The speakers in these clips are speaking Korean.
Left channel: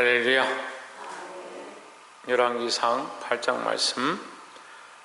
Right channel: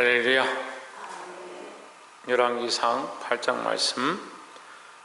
할렐루야. 열왕기상 8장 말씀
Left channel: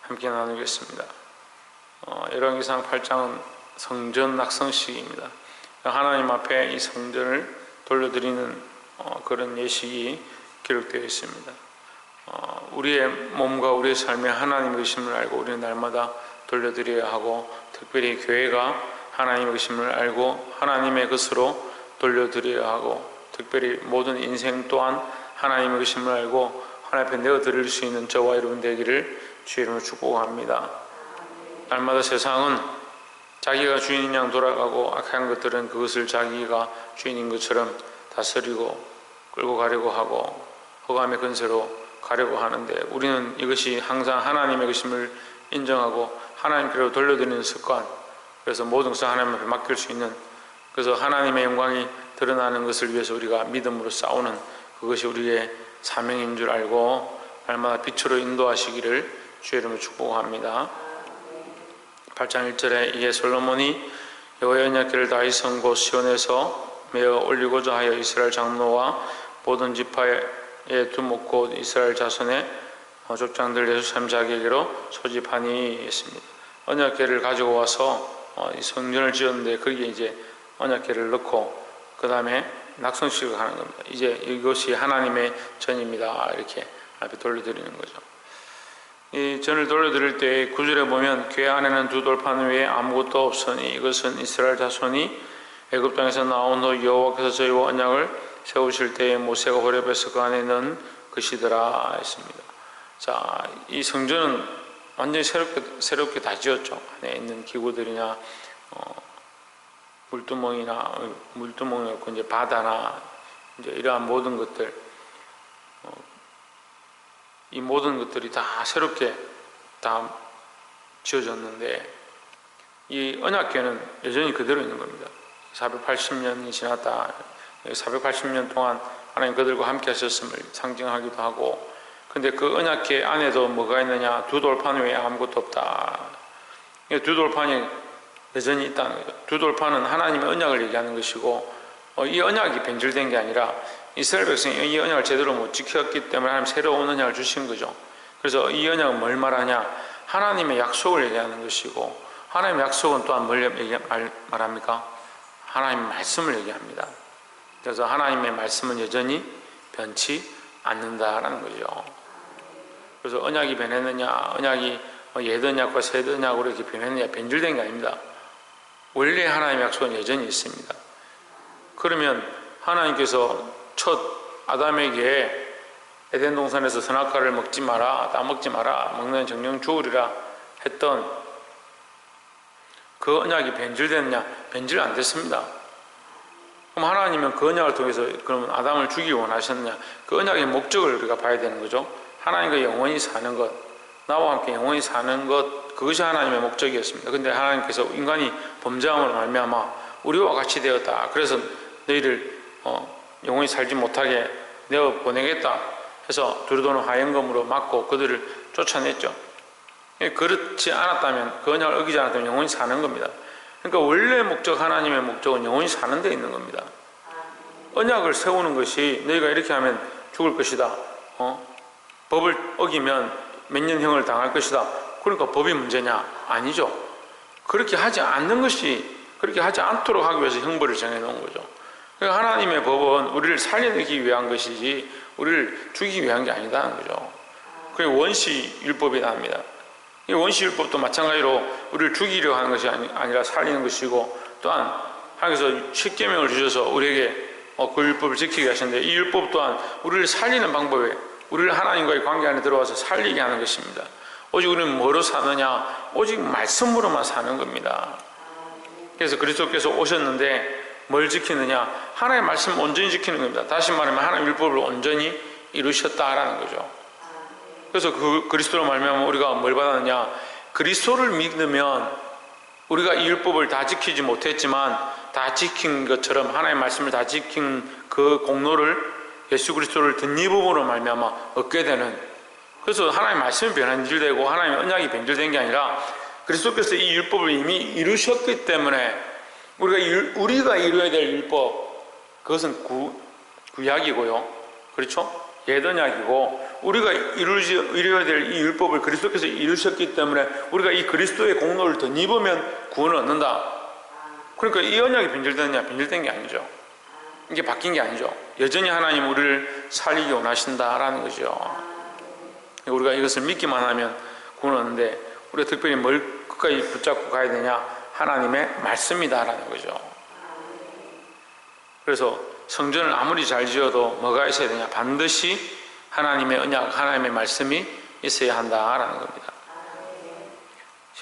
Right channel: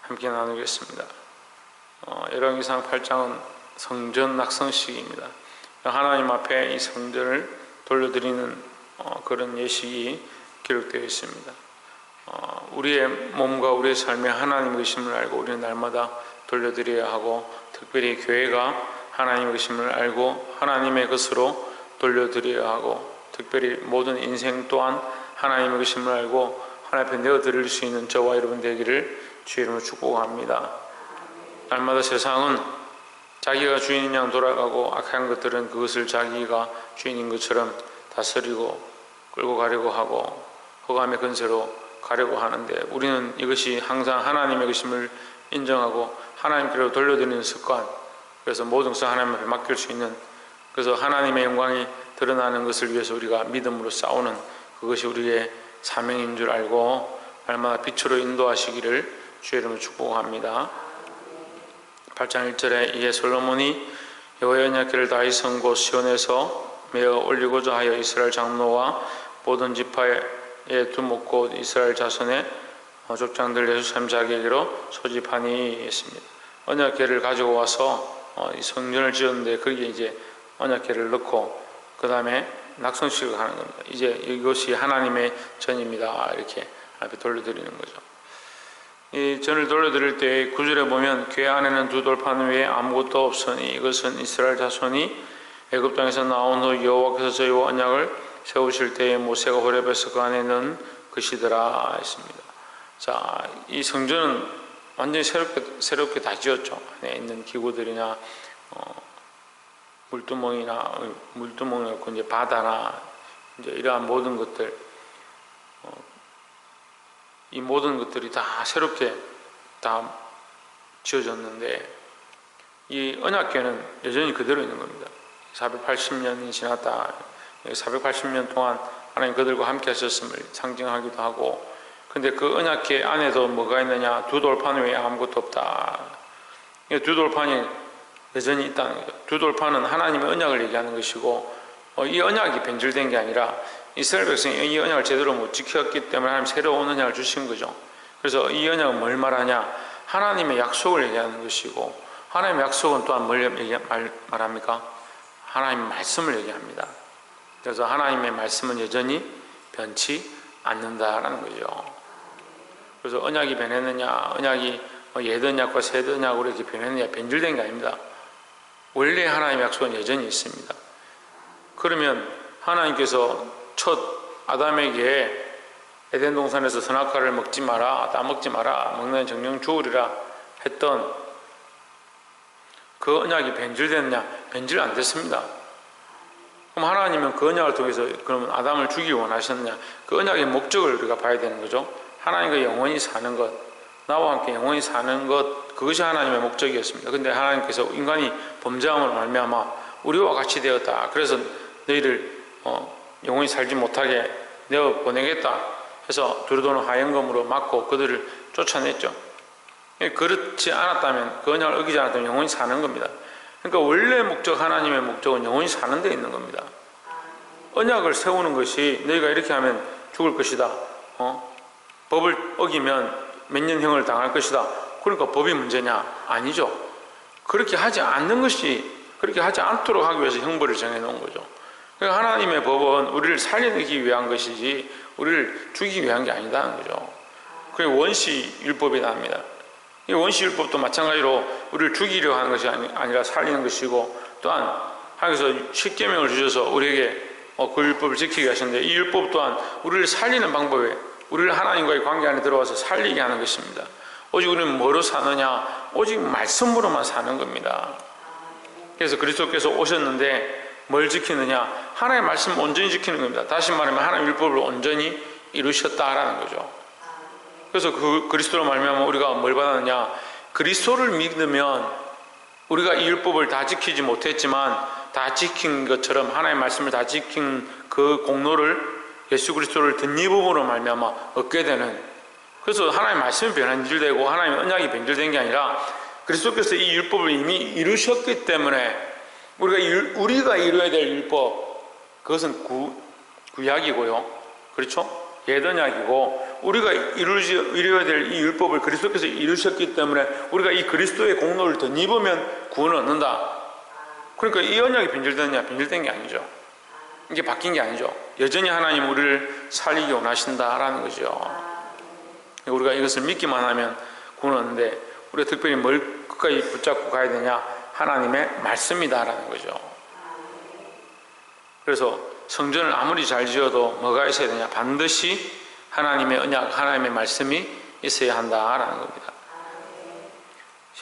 함께 나누겠습니다. 어, 열왕기상 8장은 성전 낙성식입니다. 하나님 앞에 이 성전을 돌려드리는 어, 그런 예식이 기록되어 있습니다. 어, 우리의 몸과 우리의 삶에 하나님의 의심을 알고 우리는 날마다 돌려드려야 하고 특별히 교회가 하나님의 의심을 알고 하나님의 것으로 돌려드려야 하고 특별히 모든 인생 또한 하나님의 의심을 알고 하나님 앞에 내어드릴 수 있는 저와 여러분 되기를 주의 이름으로 축복합니다. 날마다 세상은 자기가 주인인 양 돌아가고 악한 것들은 그것을 자기가 주인인 것처럼 다스리고 끌고 가려고 하고 허감의 근세로 가려고 하는데 우리는 이것이 항상 하나님의 것임을 인정하고 하나님께로 돌려드리는 습관 그래서 모든 것을 하나님 앞에 맡길 수 있는 그래서 하나님의 영광이 드러나는 것을 위해서 우리가 믿음으로 싸우는 그것이 우리의 사명인 줄 알고 날마다 빛으로 인도하시기를 주의 이름으로 축복합니다. 8장 1절에 이에 솔로몬이 여호와의 언약궤를 다윗 성고 시온에서 메어 올리고자 하여 이스라엘 장로와 모든 지파에 두목 곧 이스라엘 자손의 족장들 예루살렘 자기에게로 소집하니 했습니다. 언약궤를 가지고 와서 어, 이 성전을 지었는데 거기에 이제 언약궤를 넣고 그 다음에 낙성식을 하는 겁니다. 이제 이것이 하나님의 전입니다. 이렇게 앞에 돌려드리는 거죠. 이 전을 돌려드릴 때 구절에 보면 궤 안에는 두 돌판 외에 아무것도 없으니 이것은 이스라엘 자손이 애굽 땅에서 나온 후 여호와께서 저희와 언약을 세우실 때에 모세가 호렙에서 그 안에 넣은 것이더라 했습니다. 자, 이 성전은 완전히 새롭게 새롭게 다 지었죠. 안에 있는 기구들이나 어, 물두멍이나 물두멍이었고 이제 바다나 이제 이러한 모든 것들 어, 이 모든 것들이 다 새롭게 다 지어졌는데 이 언약궤는 여전히 그대로 있는 겁니다. 480년이 지났다. 480년 동안 하나님 그들과 함께 하셨음을 상징하기도 하고 근데 그 언약궤 안에도 뭐가 있느냐 두 돌판 외에 아무것도 없다. 두 돌판이 여전히 있다는 거죠. 두 돌판은 하나님의 언약을 얘기하는 것이고 어, 이 언약이 변질된 게 아니라 이스라엘 백성이 이 언약을 제대로 못 지켰기 때문에 하나님 새로운 언약을 주신 거죠. 그래서 이 언약은 뭘 말하냐? 하나님의 약속을 얘기하는 것이고 하나님의 약속은 또한 뭘 얘기, 말, 말합니까? 하나님의 말씀을 얘기합니다. 그래서 하나님의 말씀은 여전히 변치 않는다라는 거죠. 그래서 언약이 변했느냐, 언약이 옛 언약과 새 언약으로 이렇게 변했느냐, 변질된 게 아닙니다. 원래 하나님의 약속은 여전히 있습니다. 그러면 하나님께서 첫 아담에게 에덴 동산에서 선악과를 먹지 마라, 따먹지 마라, 먹는 정령 주우리라 했던 그 언약이 변질됐냐? 변질 안 됐습니다. 그럼 하나님은 그 언약을 통해서 그러면 아담을 죽이기 원하셨느냐? 그 언약의 목적을 우리가 봐야 되는 거죠. 하나님과 영원히 사는 것, 나와 함께 영원히 사는 것, 그것이 하나님의 목적이었습니다. 근데 하나님께서 인간이 범죄함으로 말미암아 우리와 같이 되었다. 그래서 너희를 어, 영원히 살지 못하게 내어 보내겠다. 해서 두루도는 하연검으로 막고 그들을 쫓아냈죠. 그렇지 않았다면 그 언약을 어기지 않았다면 영원히 사는 겁니다. 그러니까 원래 목적 하나님의 목적은 영원히 사는 데 있는 겁니다. 언약을 세우는 것이 너희가 이렇게 하면 죽을 것이다. 어? 법을 어기면 몇 년형을 당할 것이다. 그러니까 법이 문제냐? 아니죠. 그렇게 하지 않는 것이 그렇게 하지 않도록 하기 위해서 형벌을 정해 놓은 거죠. 그러니까 하나님의 법은 우리를 살려내기 위한 것이지 우리를 죽이기 위한 게 아니다는 거죠. 그게 원시 율법이다 합니다. 이 원시 율법도 마찬가지로 우리를 죽이려 하는 것이 아니라 살리는 것이고 또한 하나님께서 십계명을 주셔서 우리에게 어, 그 율법을 지키게 하셨는데 이 율법 또한 우리를 살리는 방법에 우리를 하나님과의 관계 안에 들어와서 살리게 하는 것입니다. 오직 우리는 뭐로 사느냐? 오직 말씀으로만 사는 겁니다. 그래서 그리스도께서 오셨는데 뭘 지키느냐? 하나님의 말씀을 온전히 지키는 겁니다. 다시 말하면 하나님의 율법을 온전히 이루셨다라는 거죠. 그래서 그 그리스도로 말미암아 우리가 뭘 받았느냐? 그리스도를 믿으면 우리가 이 율법을 다 지키지 못했지만 다 지킨 것처럼 하나님의 말씀을 다 지킨 그 공로를 예수 그리스도를 덧입음으로 말미암아 얻게 되는 그래서 하나님의 말씀이 변질되고 하나님의 언약이 변질된 게 아니라 그리스도께서 이 율법을 이미 이루셨기 때문에 우리가 우리가 이루어야 될 율법 그것은 구, 구약이고요. 그렇죠? 예언약이고 우리가 이루지, 이루어야 될 이 율법을 그리스도께서 이루셨기 때문에 우리가 이 그리스도의 공로를 덧입으면 구원을 얻는다. 그러니까 이 언약이 변질됐냐? 변질된 게 아니죠. 이게 바뀐 게 아니죠. 여전히 하나님 우리를 살리기 원하신다라는 거죠. 우리가 이것을 믿기만 하면 구원 얻는데 우리가 특별히 뭘 끝까지 붙잡고 가야 되냐? 하나님의 말씀이다라는 거죠. 그래서 성전을 아무리 잘 지어도 뭐가 있어야 되냐? 반드시 하나님의 언약, 하나님의 말씀이 있어야 한다라는 겁니다.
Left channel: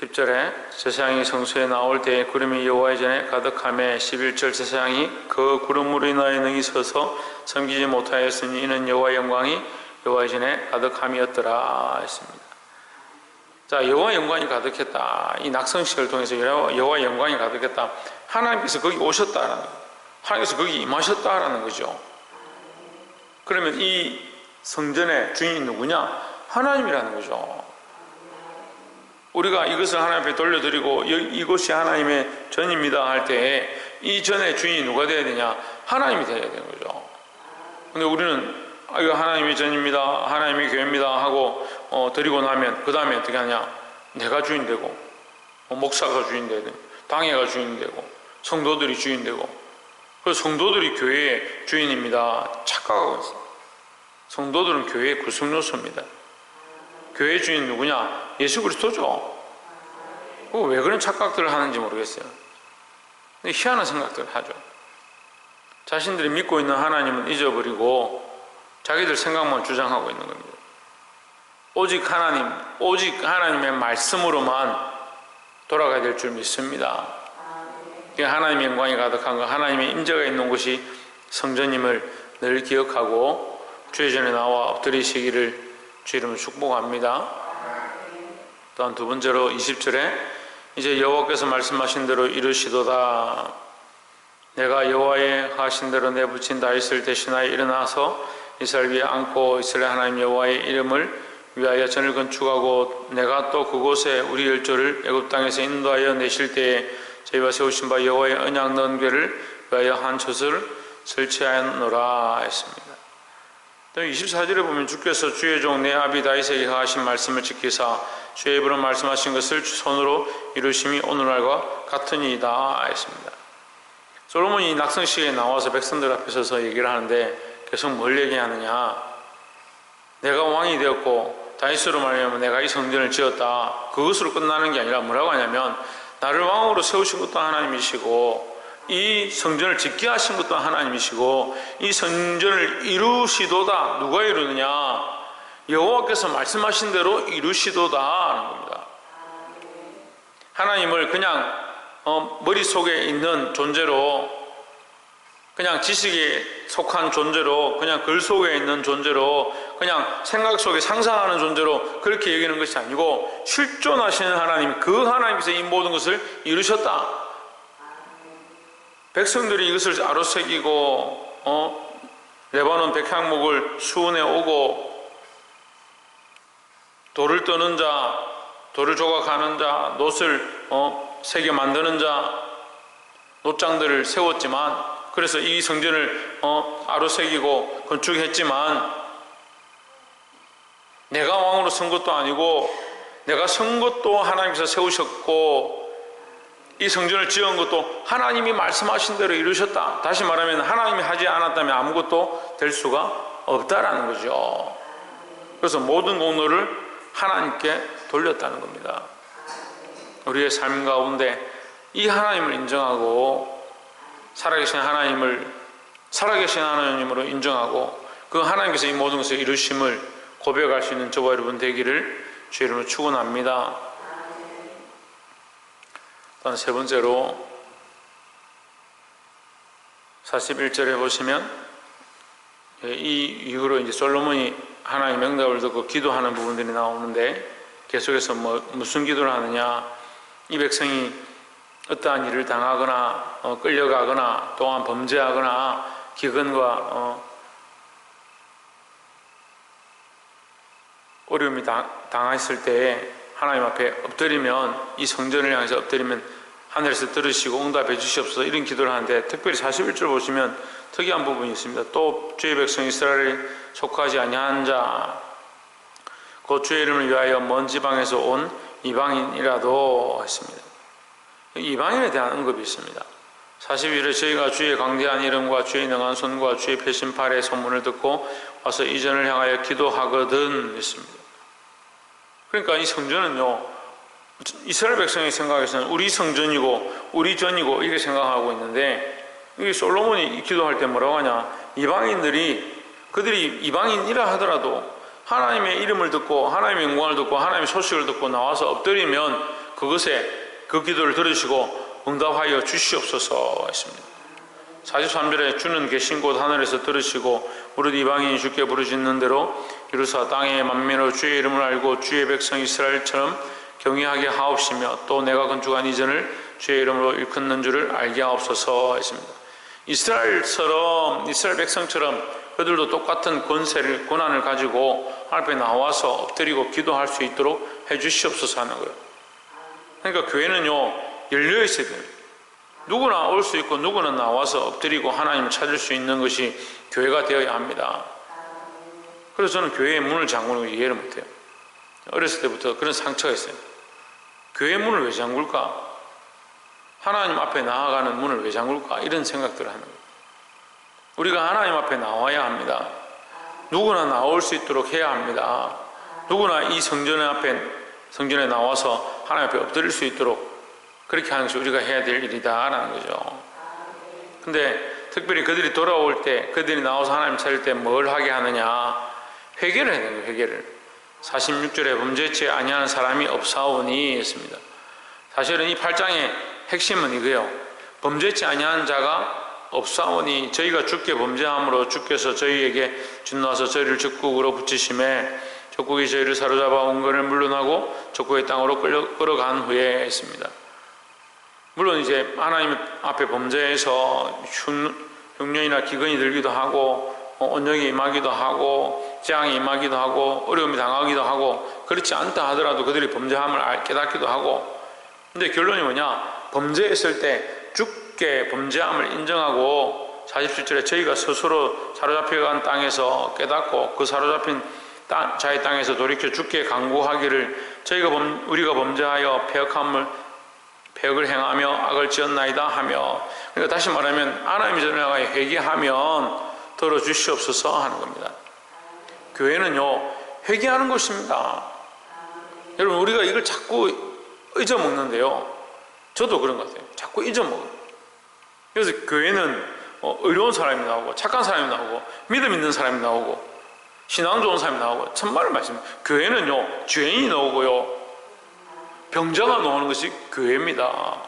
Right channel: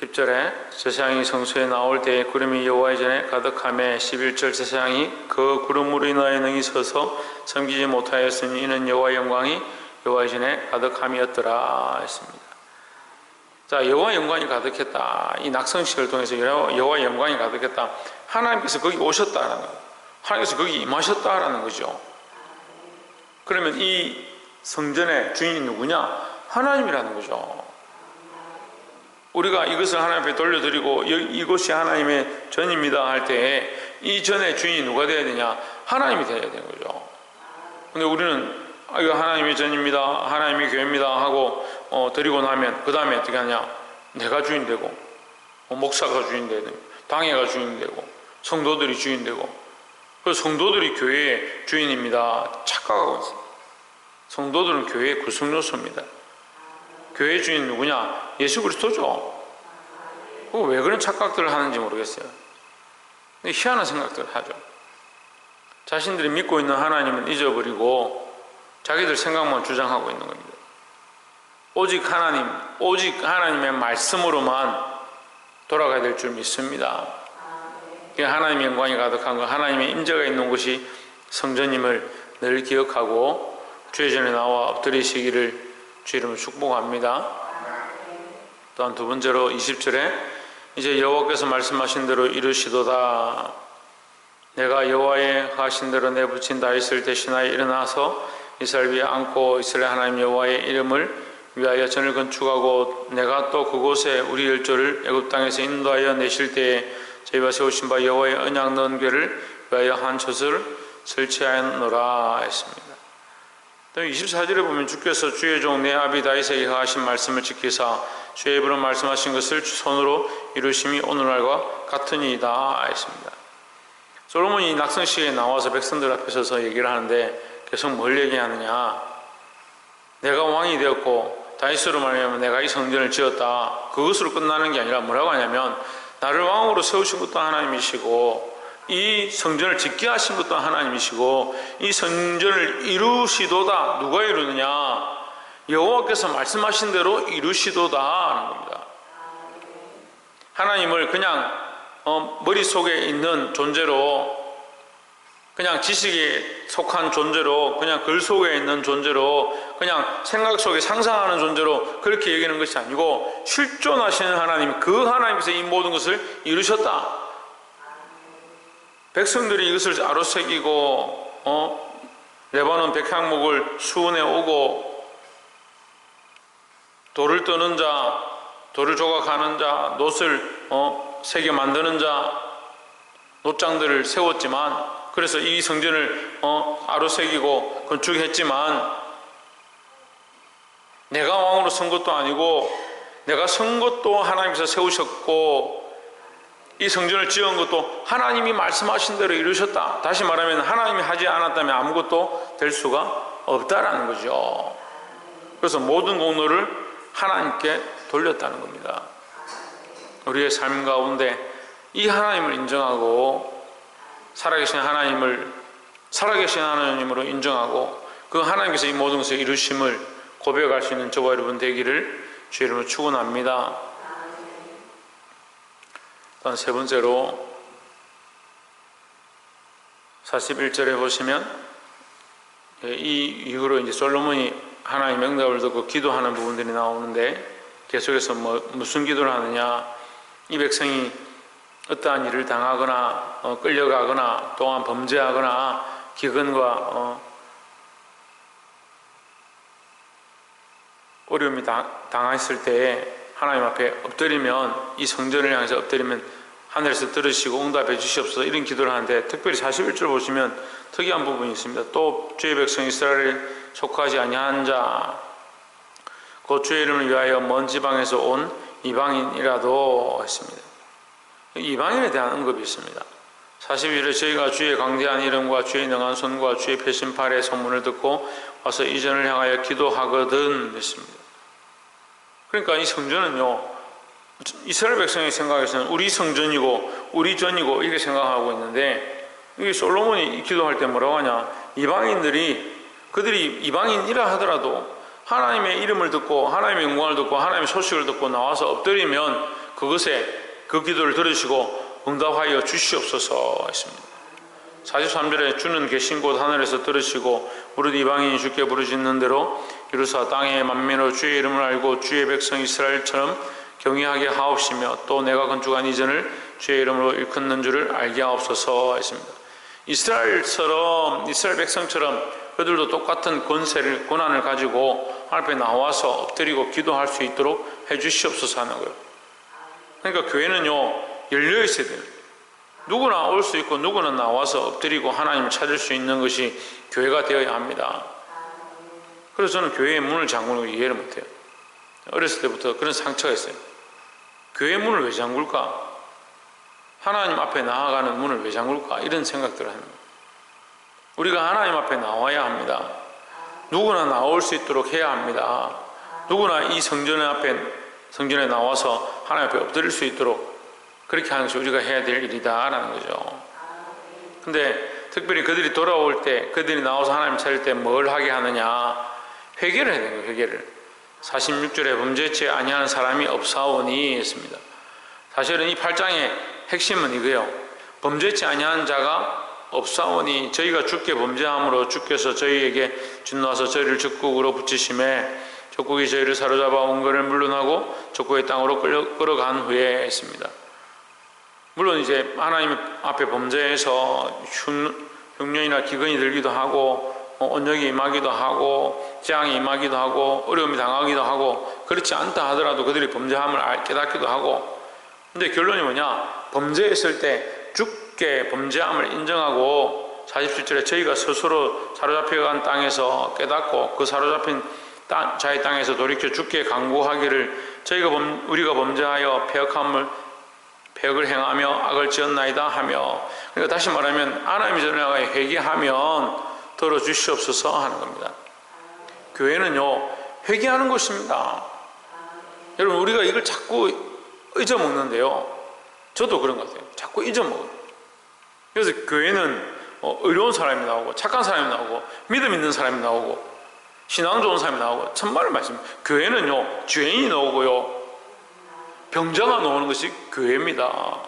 10절에 제사장이 성소에 나올 때 구름이 여호와의 전에 가득함에 11절 제사장이 그 구름으로 인하여 능히 서서 섬기지 못하였으니 이는 여호와의 영광이 여호와의 전에 가득함이었더라 했습니다. 자 여호와 영광이 가득했다. 이 낙성식을 통해서 여호와 영광이 가득했다. 하나님께서 거기 오셨다라는 거. 하나님께서 거기 임하셨다라는 거죠. 그러면 이 성전의 주인이 누구냐? 하나님이라는 거죠. 우리가 이것을 하나님 앞에 돌려드리고 이곳이 하나님의 전입니다 할때이 전의 주인이 누가 되어야 되냐? 하나님이 되어야 되는 거죠. 근데 우리는 아, 이거 하나님의 전입니다. 하나님의 교회입니다. 하고 어, 드리고 나면 그 다음에 어떻게 하냐? 내가 주인 되고 뭐 목사가 주인 되고 당회가 주인 되고 성도들이 주인 되고 그 성도들이 교회의 주인입니다. 착각하고 있어요. 성도들은 교회의 구성 요소입니다. 교회 주인 누구냐? 예수 그리스도죠. 왜 그런 착각들을 하는지 모르겠어요. 희한한 생각들을 하죠. 자신들이 믿고 있는 하나님은 잊어버리고 자기들 생각만 주장하고 있는 겁니다. 오직 하나님, 오직 하나님의 말씀으로만 돌아가야 될 줄 믿습니다. 하나님의 영광이 가득한 것, 하나님의 임재가 있는 곳이 성전임을 늘 기억하고 주의 전에 나와 엎드리시기를 주 이름으로 축복합니다. 또한 두 번째로 20절에 이제 여호와께서 말씀하신 대로 이르시도다. 내가 여호와의 하신 대로 내 붙인 다윗을 대신하여 일어나서 이스라엘 위에 안고 이스라엘 하나님 여호와의 이름을 위하여 전을 건축하고 내가 또 그곳에 우리 열조를 애굽 땅에서 인도하여 내실 때에 저희와 세우신 바 여호와의 언약 넣은 궤를 위하여 한 젖을 설치하였노라 했습니다. 또 24절에 보면 주께서 주의 종 내 아비 다윗에게 하신 말씀을 지키사 주의 입으로 말씀하신 것을 손으로 이루심이 오늘날과 같으니이다 했습니다. 솔로몬이 낙성시에 나와서 백성들 앞에 서서 얘기를 하는데 계속 뭘 얘기하느냐 내가 왕이 되었고 다윗으로 말하면 내가 이 성전을 지었다 그것으로 끝나는 게 아니라 뭐라고 하냐면 나를 왕으로 세우신 것도 하나님이시고 이 성전을 짓게 하신 것도 하나님이시고 이 성전을 이루시도다 누가 이루느냐 여호와께서 말씀하신 대로 이루시도다 하는 겁니다. 하나님을 그냥 어, 머릿속에 있는 존재로 그냥 지식에 속한 존재로 그냥 글 속에 있는 존재로 그냥 생각 속에 상상하는 존재로 그렇게 여기는 것이 아니고 실존하시는 하나님 그 하나님께서 이 모든 것을 이루셨다. 백성들이 이것을 아로새기고 어? 레바논 백향목을 수원에 오고 돌을 떠는 자, 돌을 조각하는 자, 놋을 어? 새겨 만드는 자, 놋장들을 세웠지만 그래서 이 성전을 어? 아로새기고 건축했지만 내가 왕으로 선 것도 아니고 내가 선 것도 하나님께서 세우셨고 이 성전을 지은 것도 하나님이 말씀하신 대로 이루셨다. 다시 말하면 하나님이 하지 않았다면 아무것도 될 수가 없다라는 거죠. 그래서 모든 공로를 하나님께 돌렸다는 겁니다. 우리의 삶 가운데 이 하나님을 인정하고 살아계신 하나님을 살아계신 하나님으로 인정하고 그 하나님께서 이 모든 것을 이루심을 고백할 수 있는 저와 여러분 되기를 주 이름으로 축원합니다. 세 번째로 41절에 보시면 예, 이 이후로 이제 솔로몬이 하나님 명답을 듣고 기도하는 부분들이 나오는데 계속해서 뭐 무슨 기도를 하느냐 이 백성이 어떠한 일을 당하거나 어, 끌려가거나 또한 범죄하거나 기근과 어, 어려움이 당했을 때 하나님 앞에 엎드리면 이 성전을 향해서 엎드리면 하늘에서 들으시고 응답해 주시옵소서 이런 기도를 하는데 특별히 41절 보시면 특이한 부분이 있습니다. 또 주의 백성 이스라엘에 속하지 아니한 자, 곧 주의 이름을 위하여 먼 지방에서 온 이방인이라도 했습니다. 이방인에 대한 언급이 있습니다. 41에 저희가 주의 강대한 이름과 주의 능한 손과 주의 패신팔의 소문을 듣고 와서 이전을 향하여 기도하거든 했습니다. 그러니까 이 성전은요 이스라엘 백성의 생각에서는 우리 성전이고 우리 전이고 이렇게 생각하고 있는데 이 솔로몬이 기도할 때 뭐라고 하냐 이방인들이 그들이 이방인이라 하더라도 하나님의 이름을 듣고 하나님의 영광을 듣고 하나님의 소식을 듣고 나와서 엎드리면 그것에 그 기도를 들으시고 응답하여 주시옵소서 했습니다. 43절에 주는 계신 곳 하늘에서 들으시고 무릇 이방인이 주께 부르짖는 대로 이루사 땅의 만민으로 주의 이름을 알고 주의 백성 이스라엘처럼 경외하게 하옵시며 또 내가 건축한 이전을 주의 이름으로 일컫는 줄을 알게 하옵소서 했습니다. 이스라엘처럼 이스라엘 백성처럼 그들도 똑같은 권세를 권한을 가지고 앞에 나와서 엎드리고 기도할 수 있도록 해 주시옵소서 하는 거예요. 그러니까 교회는요 열려 있어야 돼요. 누구나 올 수 있고 누구나 나와서 엎드리고 하나님을 찾을 수 있는 것이 교회가 되어야 합니다. 그래서 저는 교회의 문을 잠그는 걸 이해를 못해요. 어렸을 때부터 그런 상처가 있어요. 교회 문을 왜 잠글까? 하나님 앞에 나아가는 문을 왜 잠글까? 이런 생각들을 하는 거예요. 우리가 하나님 앞에 나와야 합니다. 누구나 나올 수 있도록 해야 합니다. 누구나 이 성전 앞에 성전에 나와서 하나님 앞에 엎드릴 수 있도록 그렇게 하는 것이 우리가 해야 될 일이다라는 거죠. 근데 특별히 그들이 돌아올 때 그들이 나와서 하나님 찾을 때 뭘 하게 하느냐 회개를 해야 되는 거예요. 회개를 46절에 범죄치 아니하는 사람이 없사오니 했습니다. 사실은 이 8장의 핵심은 이거예요. 범죄치 아니한 자가 없사오니 저희가 주께 범죄함으로 주께서 저희에게 준노하서 저희를 적국으로 붙이심에 적국이 저희를 사로잡아 온거를 물론하고 적국의 땅으로 끌려, 끌어간 후에 했습니다. 물론 이제 하나님 앞에 범죄해서 흉년이나 기근이 들기도 하고 어, 온역이 임하기도 하고 재앙이 임하기도 하고 어려움이 당하기도 하고 그렇지 않다 하더라도 그들이 범죄함을 깨닫기도 하고. 근데 결론이 뭐냐? 범죄했을 때 죽게 범죄함을 인정하고 47절에 저희가 스스로 사로잡혀간 땅에서 깨닫고 그 사로잡힌 땅, 자의 땅에서 돌이켜 죽게 강구하기를 저희가 범, 우리가 범죄하여 폐역함을 폐역을 행하며 악을 지었나이다 하며 그러니까 다시 말하면 하나님이 전에 회개하면 들어주시옵소서 하는 겁니다. 교회는요, 회개하는 것입니다. 여러분, 우리가 이걸 자꾸 잊어먹는데요. 저도 그런 것 같아요. 자꾸 잊어먹어요. 그래서 교회는 어, 의로운 사람이 나오고, 착한 사람이 나오고, 믿음 있는 사람이 나오고, 신앙 좋은 사람이 나오고, 참말을 말씀. 교회는요, 죄인이 나오고요, 병자가 나오는 것이 교회입니다.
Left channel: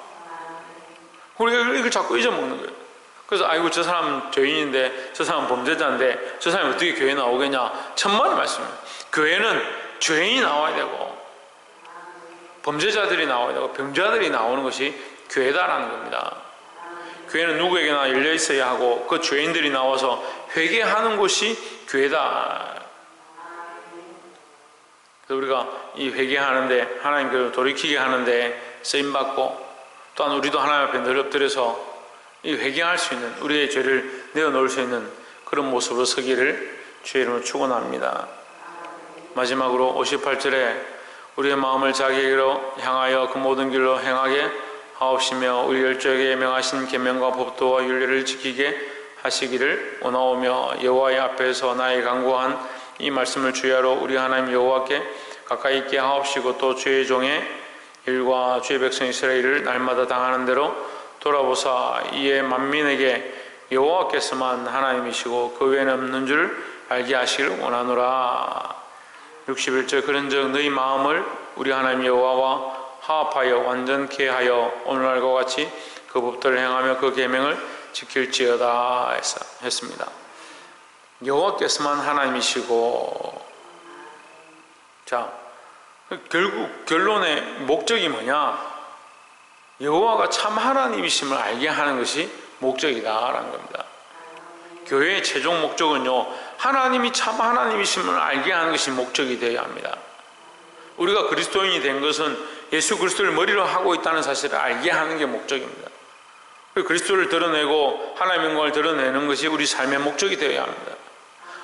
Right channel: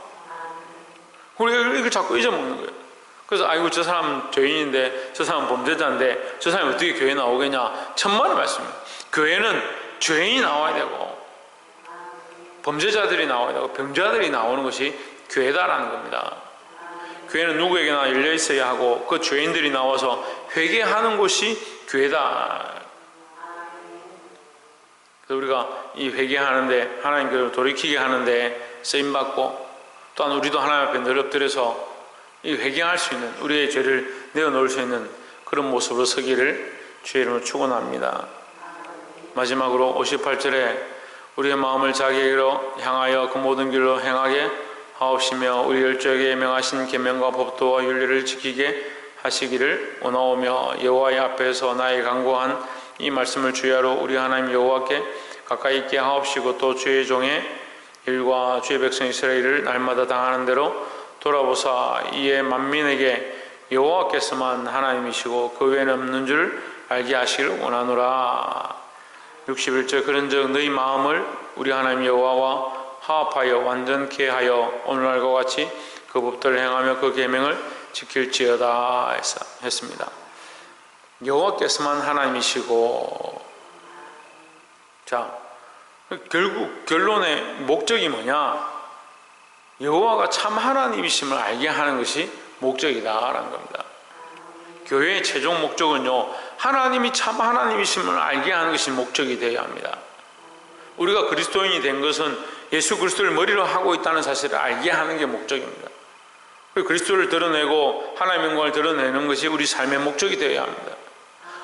우리가 이걸 자꾸 잊어먹는 거예요. 그래서 아이고 저 사람 죄인인데 저 사람 범죄자인데 저 사람이 어떻게 교회 나오겠냐? 천만의 말씀이에요. 교회는 죄인이 나와야 되고 범죄자들이 나와야 되고 병자들이 나오는 것이 교회다라는 겁니다. 교회는 누구에게나 열려 있어야 하고 그 죄인들이 나와서 회개하는 곳이 교회다. 그래서 우리가 이 회개하는데 하나님께로 돌이키게 하는데 쓰임받고 또한 우리도 하나님 앞에 늘 엎드려서 이 회개할 수 있는 우리의 죄를 내어놓을 수 있는 그런 모습으로 서기를 주의 이름으로 축원합니다. 마지막으로 58절에 우리의 마음을 자기에게로 향하여 그 모든 길로 행하게 하옵시며 우리 열조에게 명하신 계명과 법도와 윤리를 지키게 하시기를 원하오며 여호와의 앞에서 나의 강구한 이 말씀을 주야로 우리 하나님 여호와께 가까이 있게 하옵시고 또 주의 종의 일과 주의 백성 이스라엘을 날마다 당하는 대로 돌아보사 이에 만민에게 여호와께서만 하나님이시고 그 외에는 없는 줄 알게 하시기를 원하노라. 61절 그런즉 너희 마음을 우리 하나님 여호와와 화합하여 완전케 하여 오늘날과 같이 그 법들을 행하며 그 계명을 지킬지어다 했습니다. 여호와께서만 하나님이시고 자 결국 결론의 목적이 뭐냐 여호와가 참 하나님이심을 알게 하는 것이 목적이다라는 겁니다. 교회의 최종 목적은요 하나님이 참 하나님이심을 알게 하는 것이 목적이 되어야 합니다. 우리가 그리스도인이 된 것은 예수 그리스도를 머리로 하고 있다는 사실을 알게 하는 게 목적입니다. 그리스도를 드러내고 하나님의 영광을 드러내는 것이 우리 삶의 목적이 되어야 합니다.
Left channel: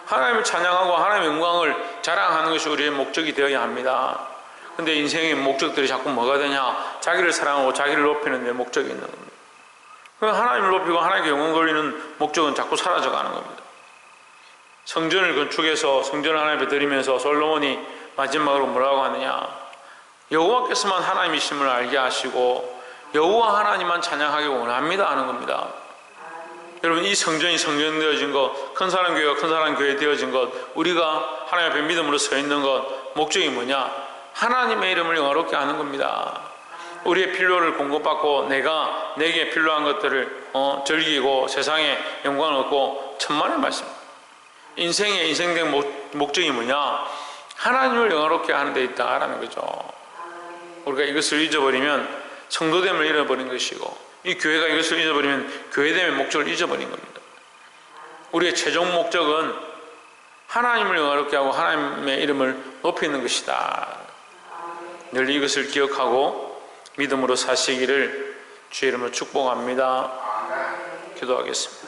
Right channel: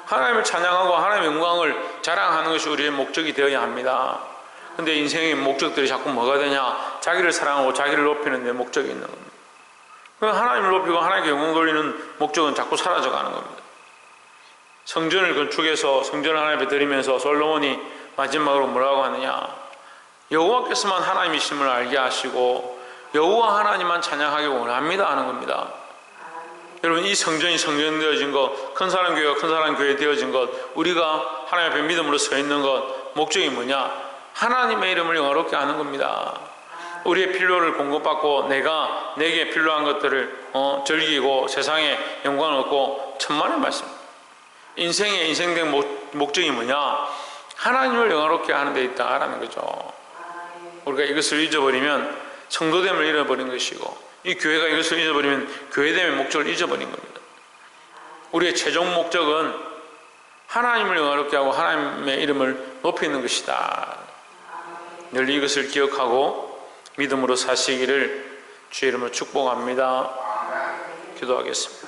하나님을 찬양하고 하나님의 영광을 자랑하는 것이 우리의 목적이 되어야 합니다. 근데 인생의 목적들이 자꾸 뭐가 되냐? 자기를 사랑하고 자기를 높이는 데 목적이 있는 겁니다. 그럼 하나님을 높이고 하나님께 영광 돌리는 목적은 자꾸 사라져 가는 겁니다. 성전을 건축해서 성전을 하나님 앞에 드리면서 솔로몬이 마지막으로 뭐라고 하느냐? 여호와께서만 하나님이심을 알게 하시고 여호와 하나님만 찬양하기 원합니다 하는 겁니다. 여러분 이 성전이 성전 되어진 것, 큰 사람 교회가 큰 사람 교회 되어진 것, 우리가 하나님 앞에 믿음으로 서 있는 것 목적이 뭐냐? 하나님의 이름을 영화롭게 하는 겁니다. 우리의 필요를 공급받고 내가 내게 필요한 것들을 어, 즐기고 세상에 영광을 얻고 천만의 말씀. 인생의 인생된 목, 목적이 뭐냐? 하나님을 영화롭게 하는 데 있다라는 거죠. 우리가 이것을 잊어버리면 성도됨을 잃어버린 것이고 이 교회가 이것을 잊어버리면 교회됨의 목적을 잊어버린 겁니다. 우리의 최종 목적은 하나님을 영화롭게 하고 하나님의 이름을 높이는 것이다. 늘 이것을 기억하고 믿음으로 사시기를 주의 이름으로 축복합니다. 기도하겠습니다.